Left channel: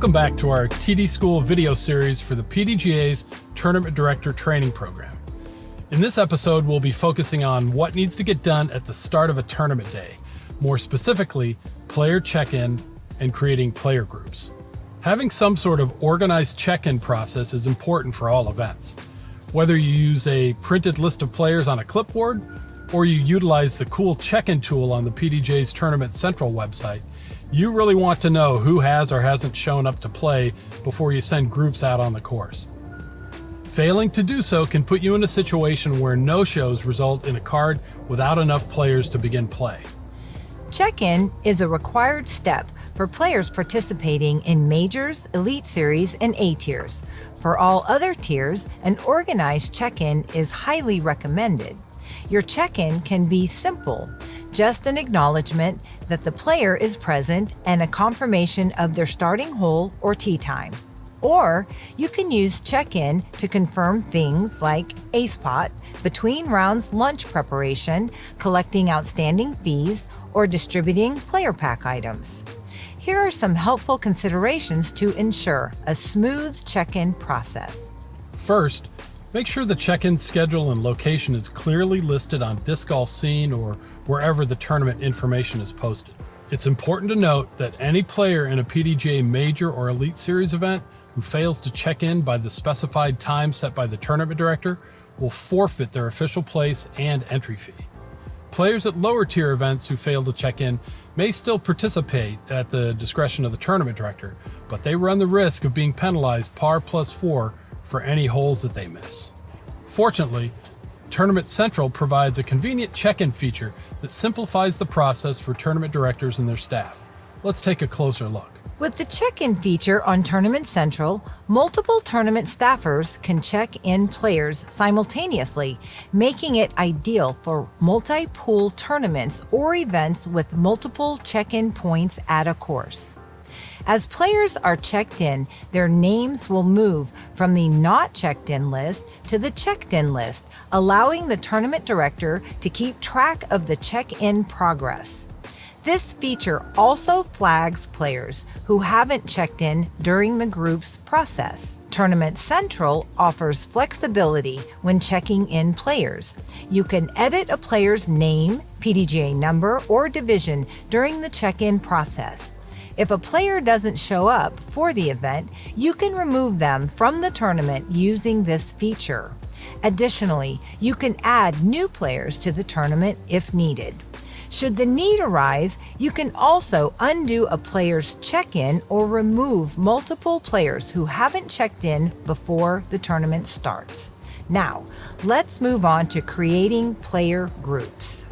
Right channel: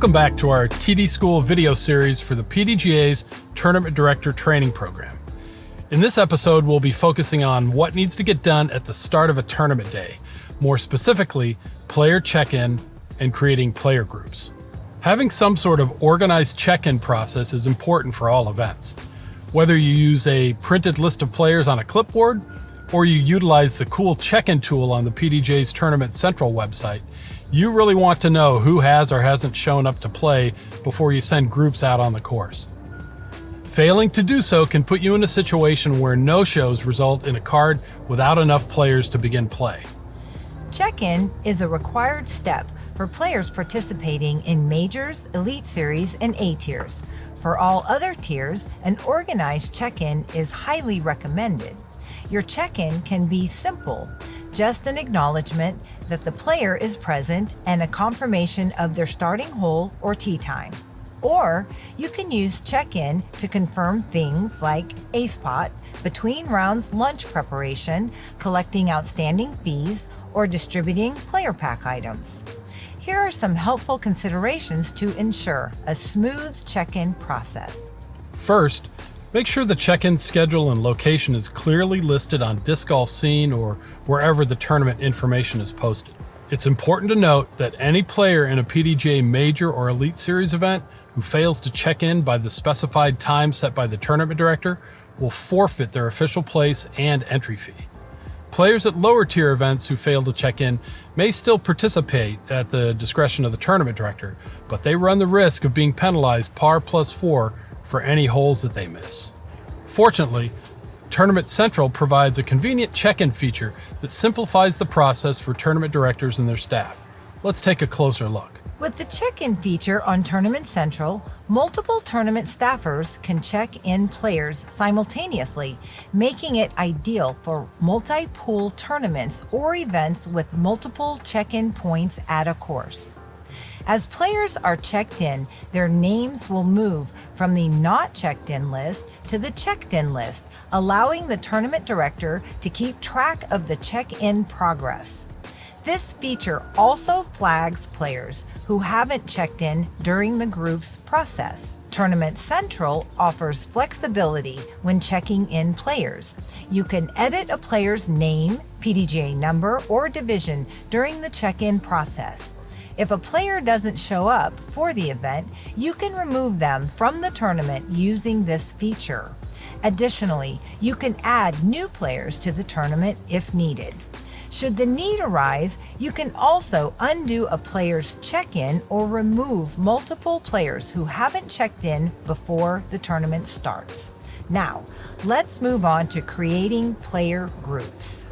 Welcome back to our TD School video series for the PDGA's Tournament Director Training Program. In this episode, we'll be focusing on what needs to get done at the start of a tournament day, more specifically, player check-in and creating player groups. Having some sort of organized check-in process is important for all events. Whether you use a printed list of players on a clipboard, or you utilize the cool check-in tool on the PDGA's Tournament Central website, you really want to know who has or hasn't shown up to play before you send groups out on the course. Failing to do so can put you in a situation where no-shows result in a card without enough players to begin play. Check-in is a required step for players participating in Majors, Elite Series, and A tiers. For all other tiers, an organized check-in is highly recommended. Your check-in can be simple, just an acknowledgement that the player is present and a confirmation of their starting hole or tee time. Or you can use check-in to confirm things like a spot, between rounds lunch preparation, collecting outstanding fees, or distributing player pack items. Here are some helpful considerations to ensure a smooth check-in process. First, make sure the check-in schedule and location is clearly listed on Disc Golf Scene or wherever the tournament information is posted. It's important to note that any player in a PDGA Major or Elite Series event who fails to check in by the specified time set by the tournament director will forfeit their official place and entry fee. Players at lower tier events who fail to check in may still participate at the discretion of the tournament director, but they run the risk of being penalized par +4 for any holes that they miss. Fortunately, Tournament Central provides a convenient check-in feature that simplifies the process for tournament directors and their staff. Let's take a closer look. With the check-in feature on Tournament Central, multiple tournament staffers can check in players simultaneously, making it ideal for multi-pool tournaments or events with multiple check-in points at a course. As players are checked in, their names will move from the not checked in list to the checked in list, allowing the tournament director to keep track of the check-in progress. This feature also flags players who haven't checked in during the group's process. Tournament Central offers flexibility when checking in players. You can edit a player's name, PDGA number, or division during the check-in process. If a player doesn't show up for the event, you can remove them from the tournament using this feature. Additionally, you can add new players to the tournament if needed. Should the need arise, you can also undo a player's check-in or remove multiple players who haven't checked in before the tournament starts. Now, let's move on to creating player groups.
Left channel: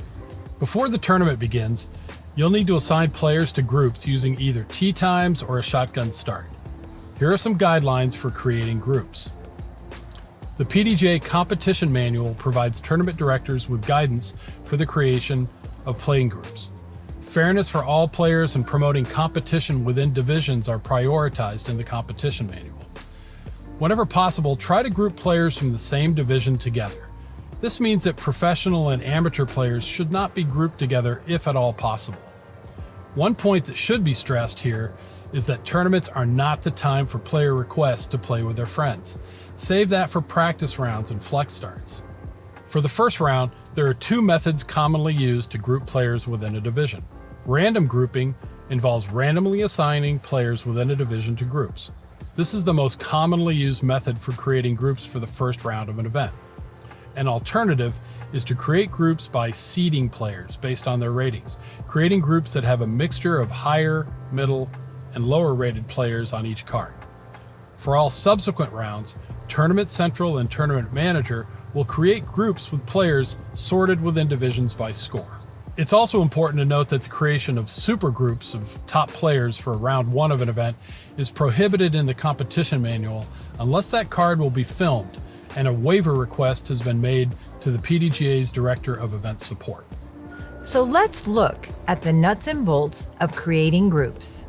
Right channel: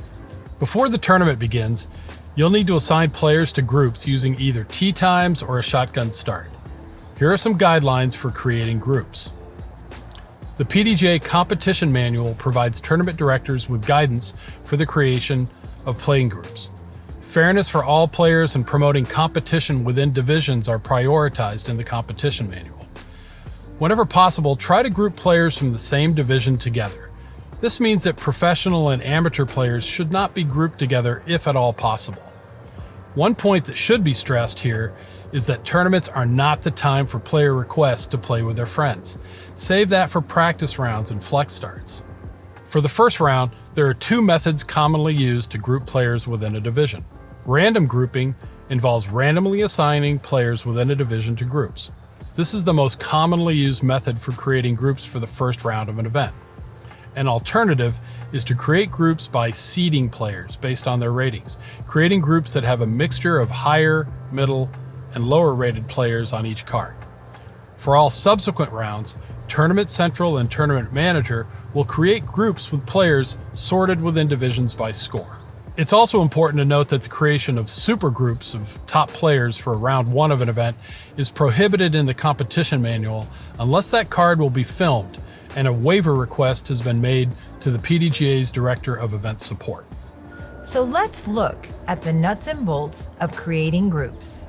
Before the tournament begins, you'll need to assign players to groups using either tee times or a shotgun start. Here are some guidelines for creating groups. The PDGA Competition Manual provides tournament directors with guidance for the creation of playing groups. Fairness for all players and promoting competition within divisions are prioritized in the competition manual. Whenever possible, try to group players from the same division together. This means that professional and amateur players should not be grouped together if at all possible. One point that should be stressed here is that tournaments are not the time for player requests to play with their friends. Save that for practice rounds and flex starts. For the first round, there are two methods commonly used to group players within a division. Random grouping involves randomly assigning players within a division to groups. This is the most commonly used method for creating groups for the first round of an event. An alternative is to create groups by seeding players based on their ratings, creating groups that have a mixture of higher, middle, and lower rated players on each card. For all subsequent rounds, Tournament Central and Tournament Manager will create groups with players sorted within divisions by score. It's also important to note that the creation of super groups of top players for round one of an event is prohibited in the competition manual unless that card will be filmed and a waiver request has been made to the PDGA's Director of Event Support. So let's look at the nuts and bolts of creating groups.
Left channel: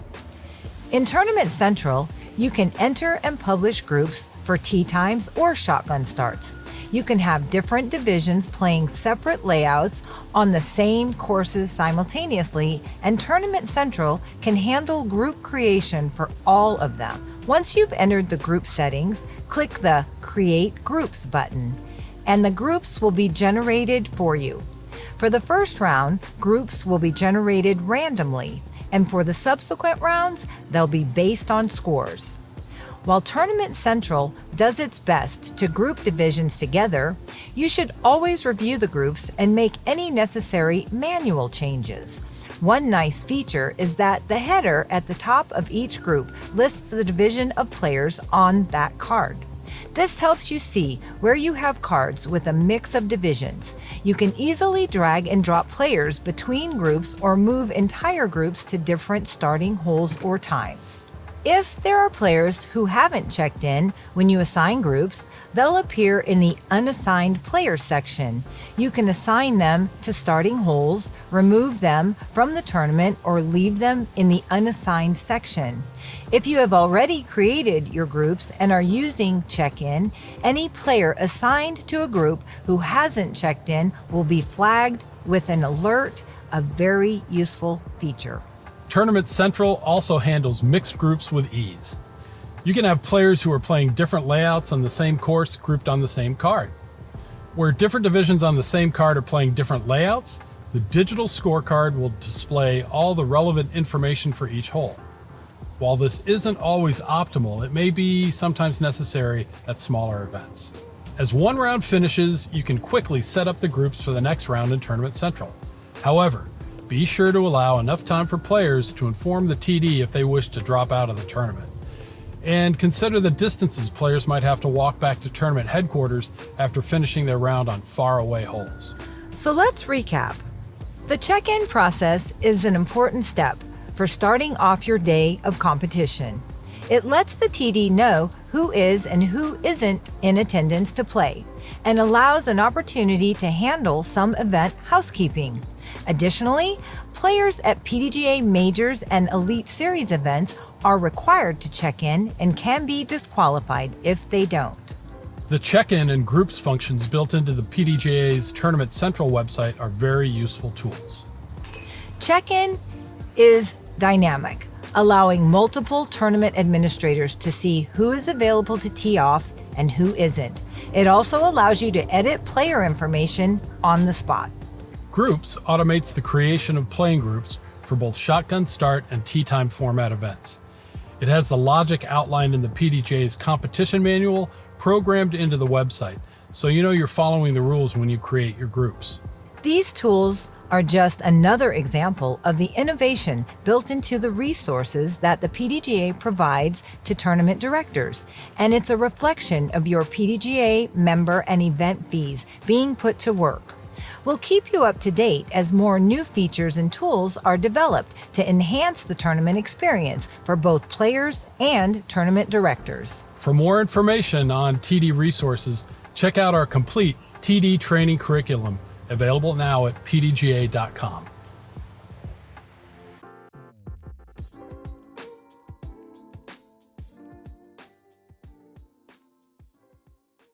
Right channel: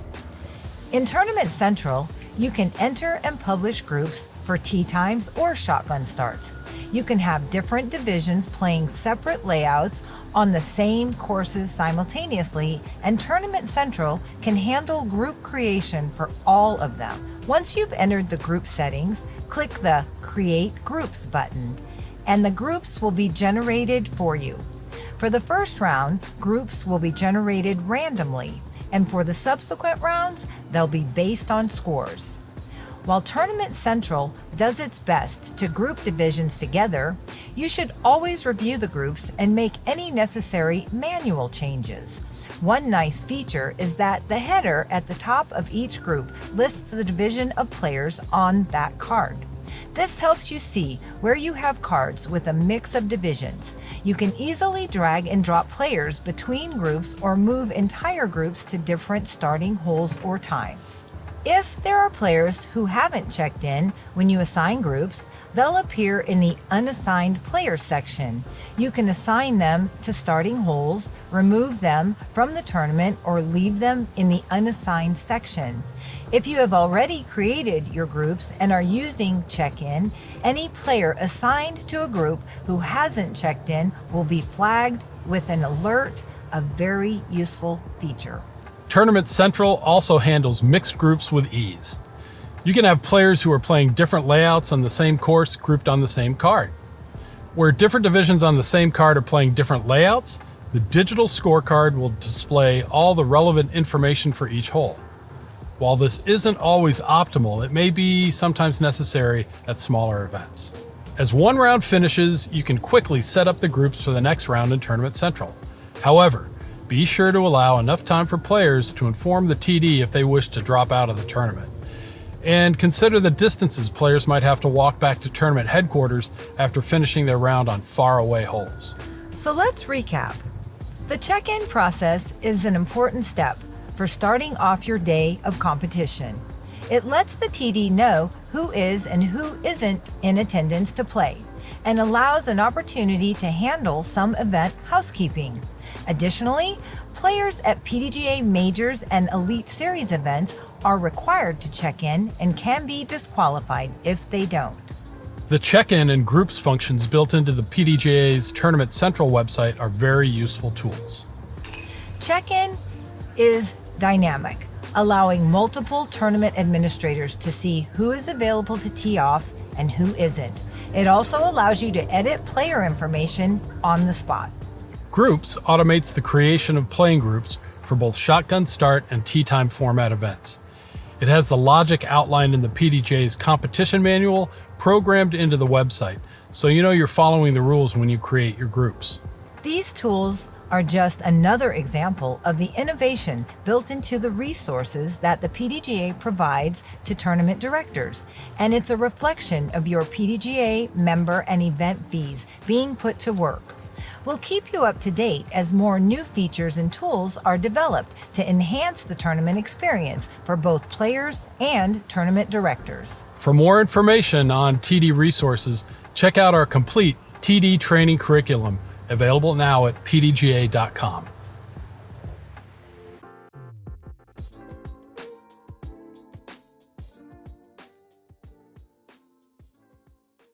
In Tournament Central, You can enter and publish groups for tee times or shotgun starts. You can have different divisions playing separate layouts on the same courses simultaneously, and Tournament Central can handle group creation for all of them. Once you've entered the group settings, click the Create Groups button, and the groups will be generated for you. For the first round, groups will be generated randomly, and for the subsequent rounds, they'll be based on scores. While Tournament Central does its best to group divisions together, you should always review the groups and make any necessary manual changes. One nice feature is that the header at the top of each group lists the division of players on that card. This helps you see where you have cards with a mix of divisions. You can easily drag and drop players between groups or move entire groups to different starting holes or times. If there are players who haven't checked in when you assign groups, they'll appear in the Unassigned Players section. You can assign them to starting holes, remove them from the tournament, or leave them in the Unassigned section. If you have already created your groups and are using check-in, any player assigned to a group who hasn't checked in will be flagged with an alert, a very useful feature. Tournament Central also handles mixed groups with ease. You can have players who are playing different layouts on the same course grouped on the same card. Where different divisions on the same card are playing different layouts, the digital scorecard will display all the relevant information for each hole. While this isn't always optimal, it may be sometimes necessary at smaller events. As one round finishes, you can quickly set up the groups for the next round in Tournament Central. However, be sure to allow enough time for players to inform the TD if they wish to drop out of the tournament. And consider the distances players might have to walk back to tournament headquarters after finishing their round on faraway holes. So let's recap. The check-in process is an important step for starting off your day of competition. It lets the TD know who is and who isn't in attendance to play, and allows an opportunity to handle some event housekeeping. Additionally, players at PDGA Majors and Elite Series events are required to check in and can be disqualified if they don't. The check-in and groups functions built into the PDGA's Tournament Central website are very useful tools. Check-in is dynamic, allowing multiple tournament administrators to see who is available to tee off and who isn't. It also allows you to edit player information on the spot. Groups automates the creation of playing groups for both shotgun start and tee time format events. It has the logic outlined in the PDGA's competition manual programmed into the website, so you know you're following the rules when you create your groups. These tools are just another example of the innovation built into the resources that the PDGA provides to tournament directors, and it's a reflection of your PDGA member and event fees being put to work. We'll keep you up to date as more new features and tools are developed to enhance the tournament experience for both players and tournament directors. For more information on TD resources, check out our complete TD training curriculum, available now at pdga.com.